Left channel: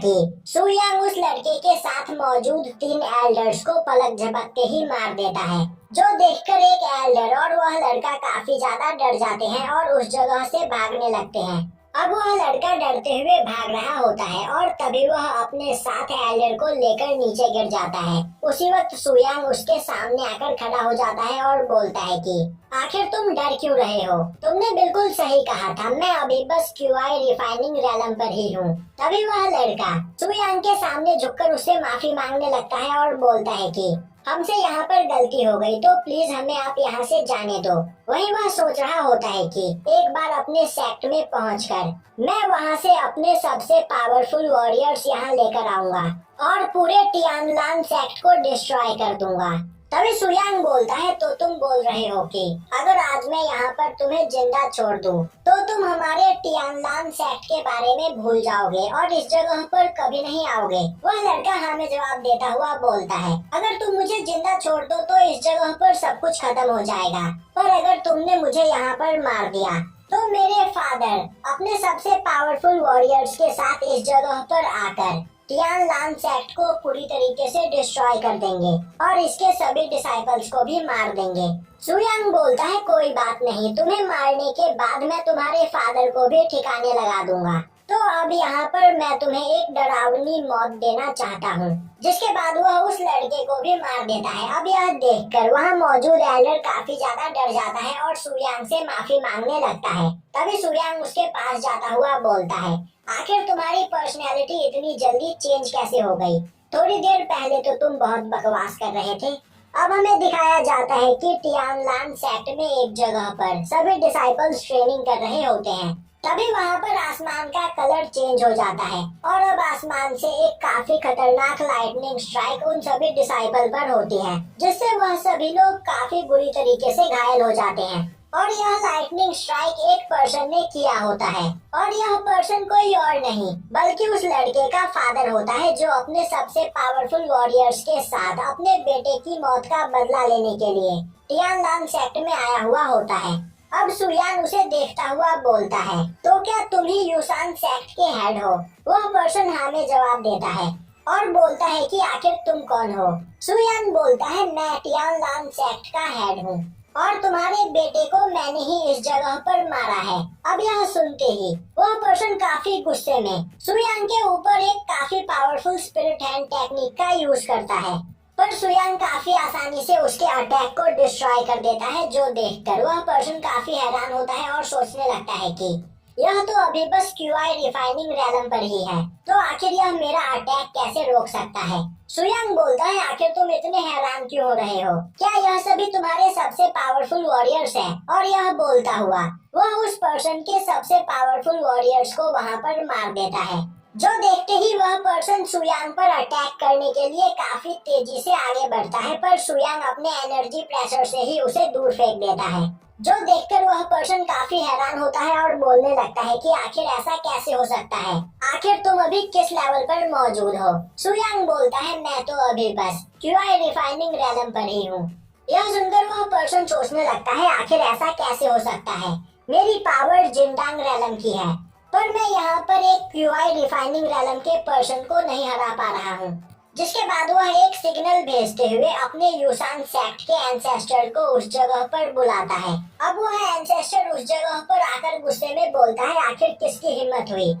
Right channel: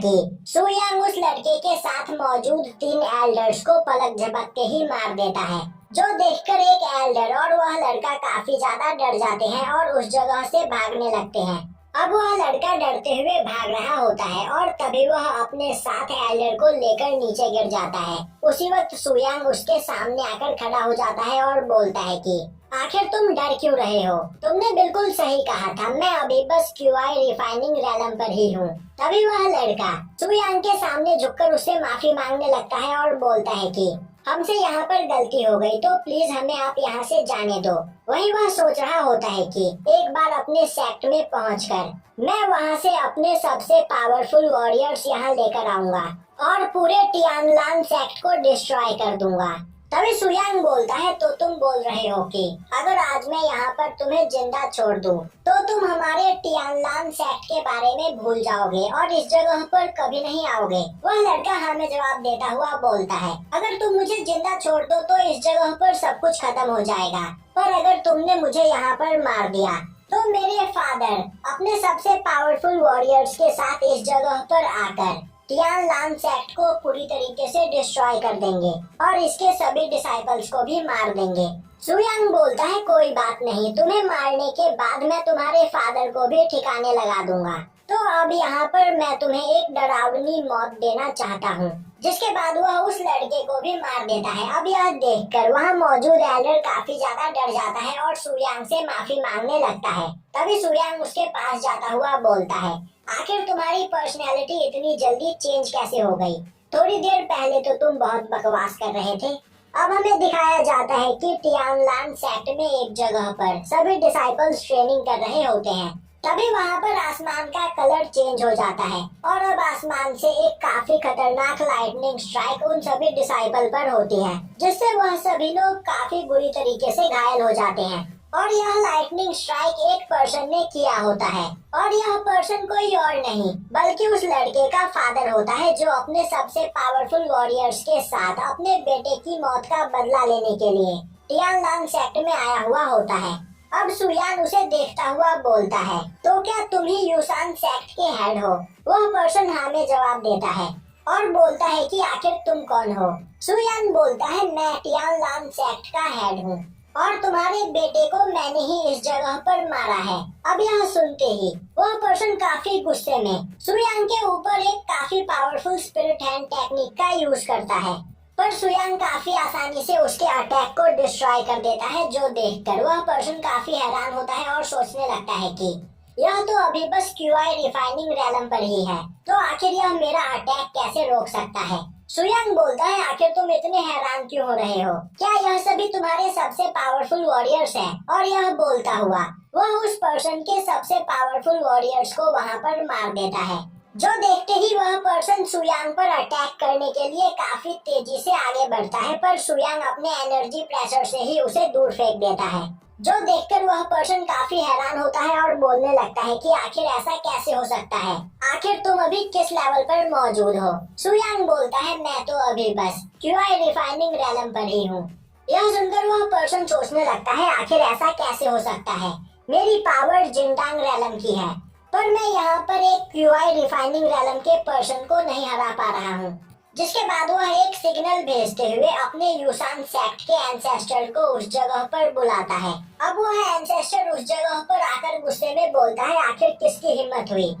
की। सुयांग उस लड़के के साथ मौजूद 3 एल्डर्स को पलक झपकते ही मार देता है, जो देखकर एक एल्डर और वह लड़का काफी ज्यादा डर जाते हैं और उस जगह से भागने लगते हैं। अब वह लड़का डरते हुए भाग रहा होता है और तभी वह अपने साथ एल्डर को लेकर नीचे गिर जाता है। उसी वक्त सुयांग उसके सामने आकर खड़ा हो जाता है और बोलता है कि आखिर तुम डर क्यों रहे हो? तुमने बिल्कुल सही कहा था, मैं अभी बस क्यूआई रिफाइनिंग रैलम पर ही हूँ। तभी वह लड़का सुयांग के सामने झुककर उससे माफी मांगने लगता है और बोलता है कि हमसे यहाँ पर गलती हो गई, तो प्लीज हमें आप यहाँ से जाने दो। वहीं वह सोच रहा होता है कि एक बार अपने सेक्ट में पहुंचकर मैं वहाँ से अपने सबसे पावरफुल वॉरियर्स यहाँ लेकर आऊंगा और पूरे टियानलान सेक्ट को डिस्ट्रॉय कर दूंगा। तभी सुयांग बोलता है, तो तुम बोल रहे हो कि अगर आज मैं यहाँ पर तुम्हें जिंदा छोड़ दूं, तो तुम हमारे टियानलान सेक्ट के बारे में भूल जाओगे और इस जगह पर कभी नहीं आओगे। वह लड़का हमें जवाब देता हुआ बोलता है, अगर तुम मुझे जिंदा छोड़ दो तो इस जगह पर सब कुछ खत्म हो जाएगा, पर अगर तुमने मुझे यहाँ पर मार दिया तो मेरे फादर अपने सबसे पावरफुल वॉरियर्स के साथ इस जगह पर आकर टियानलान सेक्ट को पूरी तरीके से डिस्ट्रॉय कर देंगे और इसके सभी डिसाइपल्स को भी मार देंगे। सुयांग बोलता है, कोई बात नहीं, तुम्हें मारने के बाद मैं तुम्हारे फादर को भी ठिकाने लगा दूंगा। तो अब यहाँ पर मैं तुम्हें एक डरावनी मौत देना चाहता हूँ। जिसके बाद वह उस लड़के को भी मार देता है। अब यह देखकर वहाँ मौजूद एल्डर काफी ज्यादा डर जाता है और सुयांग से माफी मांगने लगता है। तभी सुयांग उसके पास जाता हुआ बोलता है, आखिर तुम्हारी पर्सनैलिटी इतनी जल्दी चेंज कैसे हो गई? थोड़ी देर पहले तो तुम बहुत बकवास कर रहे थे। अब हमें दिखाया जाता है कि टियानलान सेक्ट में एक जगह पर सभी डिसाइपल्स ट्रेनिंग कर रहे होते हैं। तभी वहाँ पर आसमान का कलर चेंज हो जाता है और अब आसमान से एक काफी खतरनाक लाइटनिंग स्ट्राइक उन सभी डिसाइपल पर होती है, जिससे वह सभी लोग काफी बुरी तरीके से घायल हो जाते हैं। और यह लाइटनिंग स्ट्राइक एक पर्सन ने किया होता है और यह पर्सन कोई और नहीं बल्कि उस लड़के का फादर होता है, जो अपने सबसे पावरफुल वॉरियर्स के साथ अपने बेटे की मौत का बदला लेने के लिए टियानलान सेक्ट में आया हुआ होता है। अब सुयान उसे देखता हुआ बोलता है, तो क्या तुम ही यूसान सेक्ट के हेड हो? वह पर्सन हाँ में जवाब देता है और बोलता है कि आखिर तुम कौन हो? सुयान बोलता है, मैं टियानलान सेक्ट का हेड हूँ और तुम्हारे बेटे को मैंने ही इस जगह पर मारा है। अब यह सुनते ही वह पर्सन काफी गुस्से में सुयांग के ऊपर एक काफी पावरफुल स्पिरिट हैंड टेक्निक का यूज करता है, पर सुयांग काफी आसानी से उसके अटैक को डिस्ट्रॉय कर देता है, जो देखकर वह पर्सन काफी हैरान होता है और सोचने लगता है कि यह तो अभी बस क्यूआई रिफाइनिंग रैलम पर ही है, तो आखिर यह मेरा अटैक कैसे रोक सकता है? सुयांग बोलता है, आखिर तुम इतने हैरान क्यों हो रहे हो? क्या यह सभी तुम्हारे सबसे पावरफुल वॉरियर्स हैं? और यह बोलता हुआ वह उस पर्सन के सबसे पावरफुल वॉरियर्स को वहां पर मार देता है, जो देखते ही वह पर्सन सुयांग पर अटैक करने के लिए काफी तेजी से आगे बढ़ता है, पर सुयांग अपने एनर्जी प्रेशर से ही उसे दूर फेंक देता है, जो देखकर वह पर्सन काफी हैरान होता है और बोलने लगता है कि आखिर ऐसा कैसे हो सकता है? आखिर तुम अभी किस लेवल पर मौजूद हो? सुयांग बोलता है, मैं तो अभी बस क्यूआई रिफाइनिंग रैलम पर ही हूँ। यह सुनकर वह पर्सन सोचने लगता है, आखिर ऐसा कैसे हो सकता है? मेरी पावर जिंडांग रैलम की है, पर मैं यहाँ पर एक क्यूआई रिफाइनिंग रैलम के पर्सन को नहीं हरा पा रहा हूँ। जिसके बाद वह एक सिग्नल भेजते हुए अपने यूसान सेक्ट के एंसेस्टर को उस जगह पर बुलाता है। अब वह एंसेस्टर उस जगह पर आकर गुस्से में बोलता है, आखिर किसकी हिम्मत हुई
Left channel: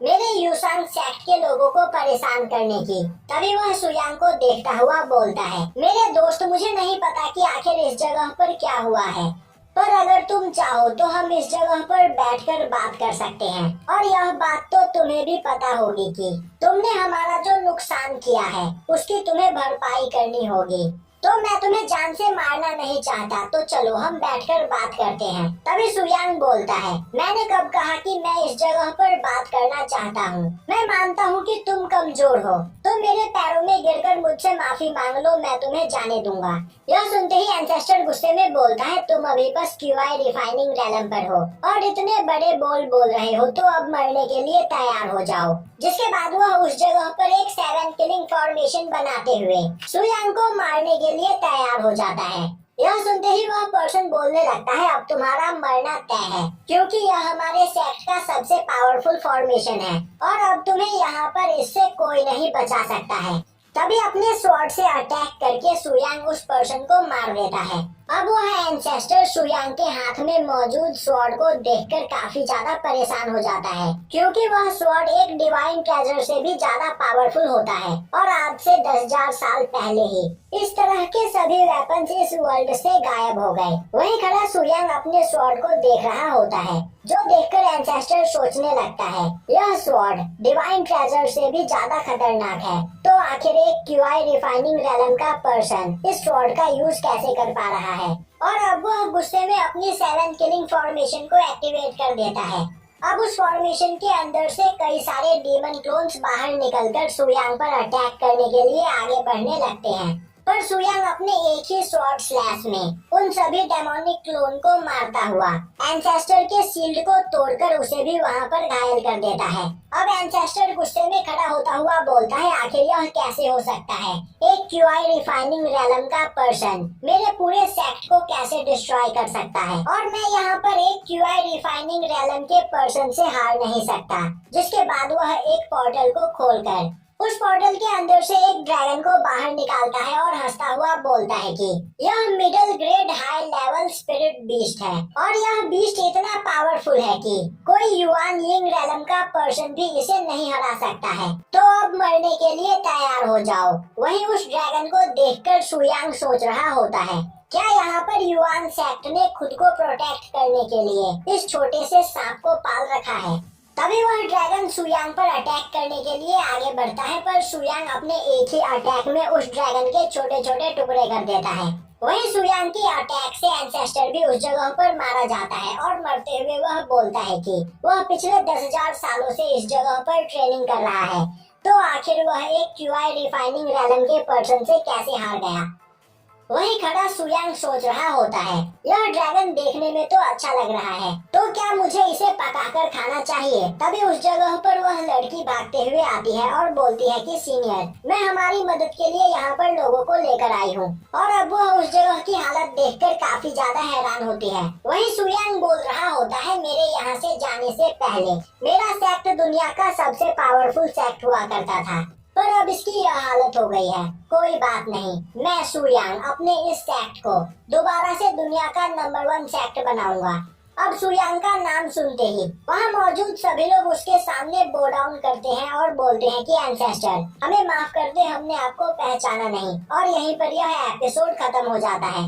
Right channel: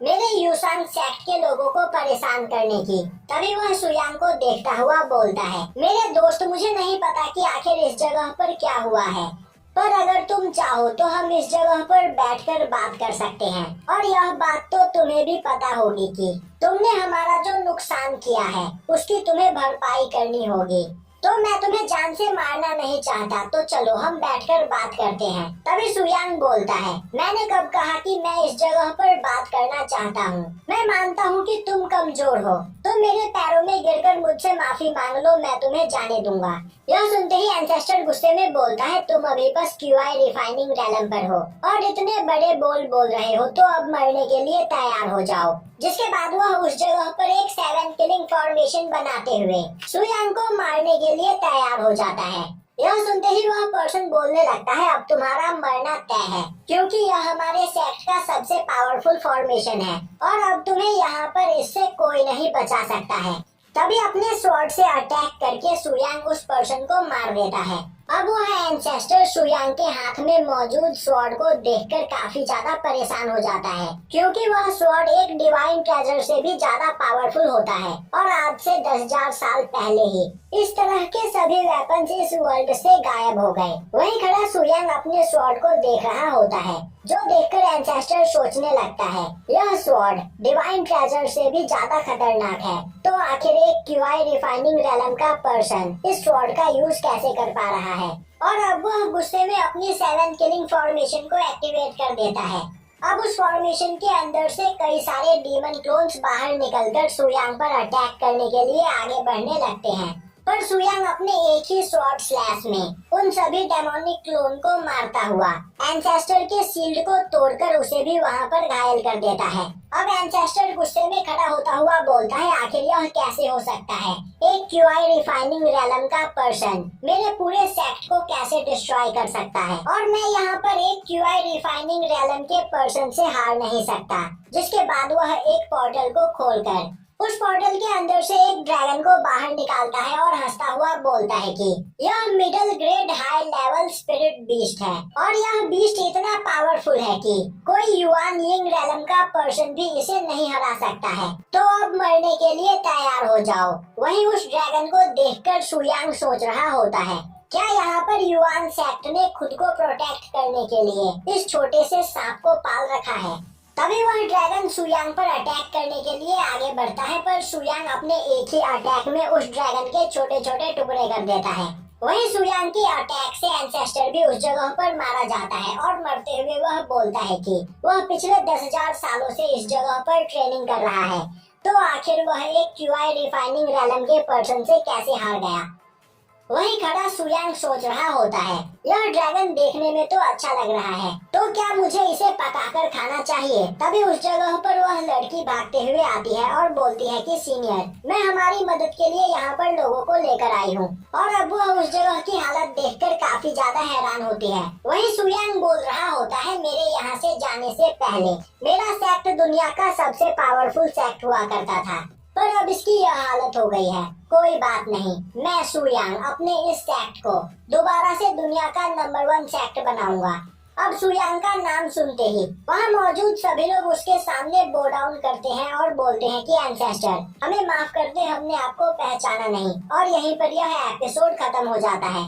मेरे यूसान सेक्ट के लोगों को परेशान करने की? तभी वह सुयांग को देखता हुआ बोलता है, मेरे दोस्त, मुझे नहीं पता कि आखिर इस जगह पर क्या हुआ है, पर अगर तुम चाहो तो हम इस जगह पर बैठकर बात कर सकते हैं। और यह बात तो तुम्हें भी पता होगी कि तुमने हमारा जो नुकसान किया है उसकी तुम्हें भरपाई करनी होगी। तो मैं तुम्हें जान से मारना नहीं चाहता, तो चलो हम बैठकर बात करते हैं। तभी सुयांग बोलता है, मैंने कब कहा कि मैं इस जगह पर बात करना चाहता हूँ? मैं मानता हूँ कि तुम कमजोर हो, तो मेरे पैरों में गिरकर मुझसे माफी मांग लो, मैं तुम्हें जाने दूंगा। यह सुनते ही एंसेस्टर गुस्से में बोलता है, तुम अभी बस क्यूआई रिफाइनिंग रैलम पर हो और इतने बड़े बोल बोल रहे हो, तो अब मरने के लिए तैयार हो जाओ। जिसके बाद वह उस जगह पर एक 7 किलिंग फॉर्मेशन बनाते हुए सुयांग को मारने के लिए तैयार हो जाता है। यह सुनते ही वह पर्सन बोलने लगता है, अब तुम्हारा मरना तय है, क्योंकि यह हमारे सेक्ट का सबसे पावरफुल फॉर्मेशन है और अब तुम्हें यहाँ पर इससे कोई नहीं बचा सकता है। तभी अपने स्वॉर्ड से अटैक करके सुयांग उस पर्सन को मार देता है। अब वह एंसेस्टर सुयांग के हाथ में मौजूद स्वॉर्ड को देखकर काफी ज्यादा परेशान हो जाता है, क्योंकि वह स्वॉर्ड एक डिवाइन ट्रेजर से भी ज्यादा पावरफुल होता है और आज से 10,000 साल पहले ही इस तरह के सभी वेपन्स इस वर्ल्ड से गायब हो गए। वहीं खड़ा सुयांग अपने स्वॉर्ड को देख रहा होता है, जो देखकर एंसेस्टर सोचने लगता है, यह स्वॉर्ड डिवाइन ट्रेजर से भी ज्यादा खतरनाक है, तो आखिर एक क्यूआई रिफाइनिंग रेलम का पर्सन इस स्वॉर्ड का यूज कैसे कर पा रहा है। और अब वह गुस्से में अपनी 7 किलिंग फॉर्मेशन को एक्टिवेट कर देता है। अब उस फॉर्मेशन के अंदर से कई सारे डीमन क्लोन्स बाहर निकलकर सुयांग पर अटैक करने के लिए आगे बढ़ने लगते हैं, पर सुयांग अपने एक ही स्वॉर्ड स्लैश में उन सभी डेमोनिक क्लोन को मारता हुआ एंसेस्टर के शील्ड को तोड़कर उसे भी वहां पर घायल कर देता है। अब एंसेस्टर गुस्से में खड़ा होता हुआ बोलता है, आखिर यह कैसे हो सकता है, एक क्यूआई रिफाइनिंग रेलम का पर्सन मेरे पूरे सेक्ट को कैसे डिस्ट्रॉय कर सकता है, और मैं यहाँ पर एक क्यूआई रिफाइनिंग रेलम के पर्सन से हार नहीं सकता। जिसके बाद वह एक पोर्टल को खोलकर उस पोर्टल के अंदर से एक ड्रैगन को बाहर निकालता है और हंसता हुआ बोलता है कि यह middle grade high level spirit beast है और यह बीस्ट इतना पावरफुल है कि कोई युआन यिंग रेलम का पर्सन भी इसे नहीं हरा सकता है, तो अब मरने के लिए तैयार हो जाओ। वहीं उस ड्रैगन को देखकर सुयांग सोच रहा होता है, क्या यहाँ पर युआन सेक्ट ने खुद को प्रोटेक्ट करने के लिए इस छोटे से सांप को पाल रखा है। तभी वह ड्रैगन सुयांग पर अटैक करने के लिए आगे बढ़ता है, पर सुयांग अपने एक ही अटैक में उस ड्रैगन के छोटे छोटे टुकड़े कर देता है। वहीं सुयांग की अटैक से एंसेस्टर भी उस जगह पर मारा जाता है और मरते हुए वह बोलता है कि वह पिछले 10,000 सालों से इस जगह पर ट्रेनिंग कर रहा है, तो आखिर वह एक क्यूआई रिफाइनिंग रेलम के पर्सन से कैसे हार गया। वहीं खड़ा सुयांग सोच रहा होता है, यह ड्रैगन देखने में तो अच्छा लग रहा है, तो क्या मुझे इसे पकाकर खाना चाहिए। तभी उस जगह पर वह लड़की भागते हुए आती है और बोलती है कि सीनियर, मैं हमारी मदद के लिए यहाँ पर लोगों को लेकर आई हूँ। और अब वह उस जगह की हालत देखकर काफी ज्यादा हैरान होती है। वहीं सुयांग बोल रहा होता है, मेरे यहाँ से जाने से पहले मेरा सेक्ट दुनिया का सबसे पावरफुल सेक्ट हुआ करता था, पर अब इसकी यह हालत हो गई है। कोई बात नहीं, मैं सुयांग अपने इस सेक्ट को दोबारा से दुनिया का नंबर 1 सेक्ट बनाऊंगा। अब सुयांग का नाम सुनते ही वहाँ मौजूद सभी लोग उसके सामने बो डाउन करते हैं और बोलते हैं कि एंसेस्टर, हमें माफ कर दे, हमने आपको पहचाना नहीं। और यहीं पर यह एपिसोड खत्म हो जाता है।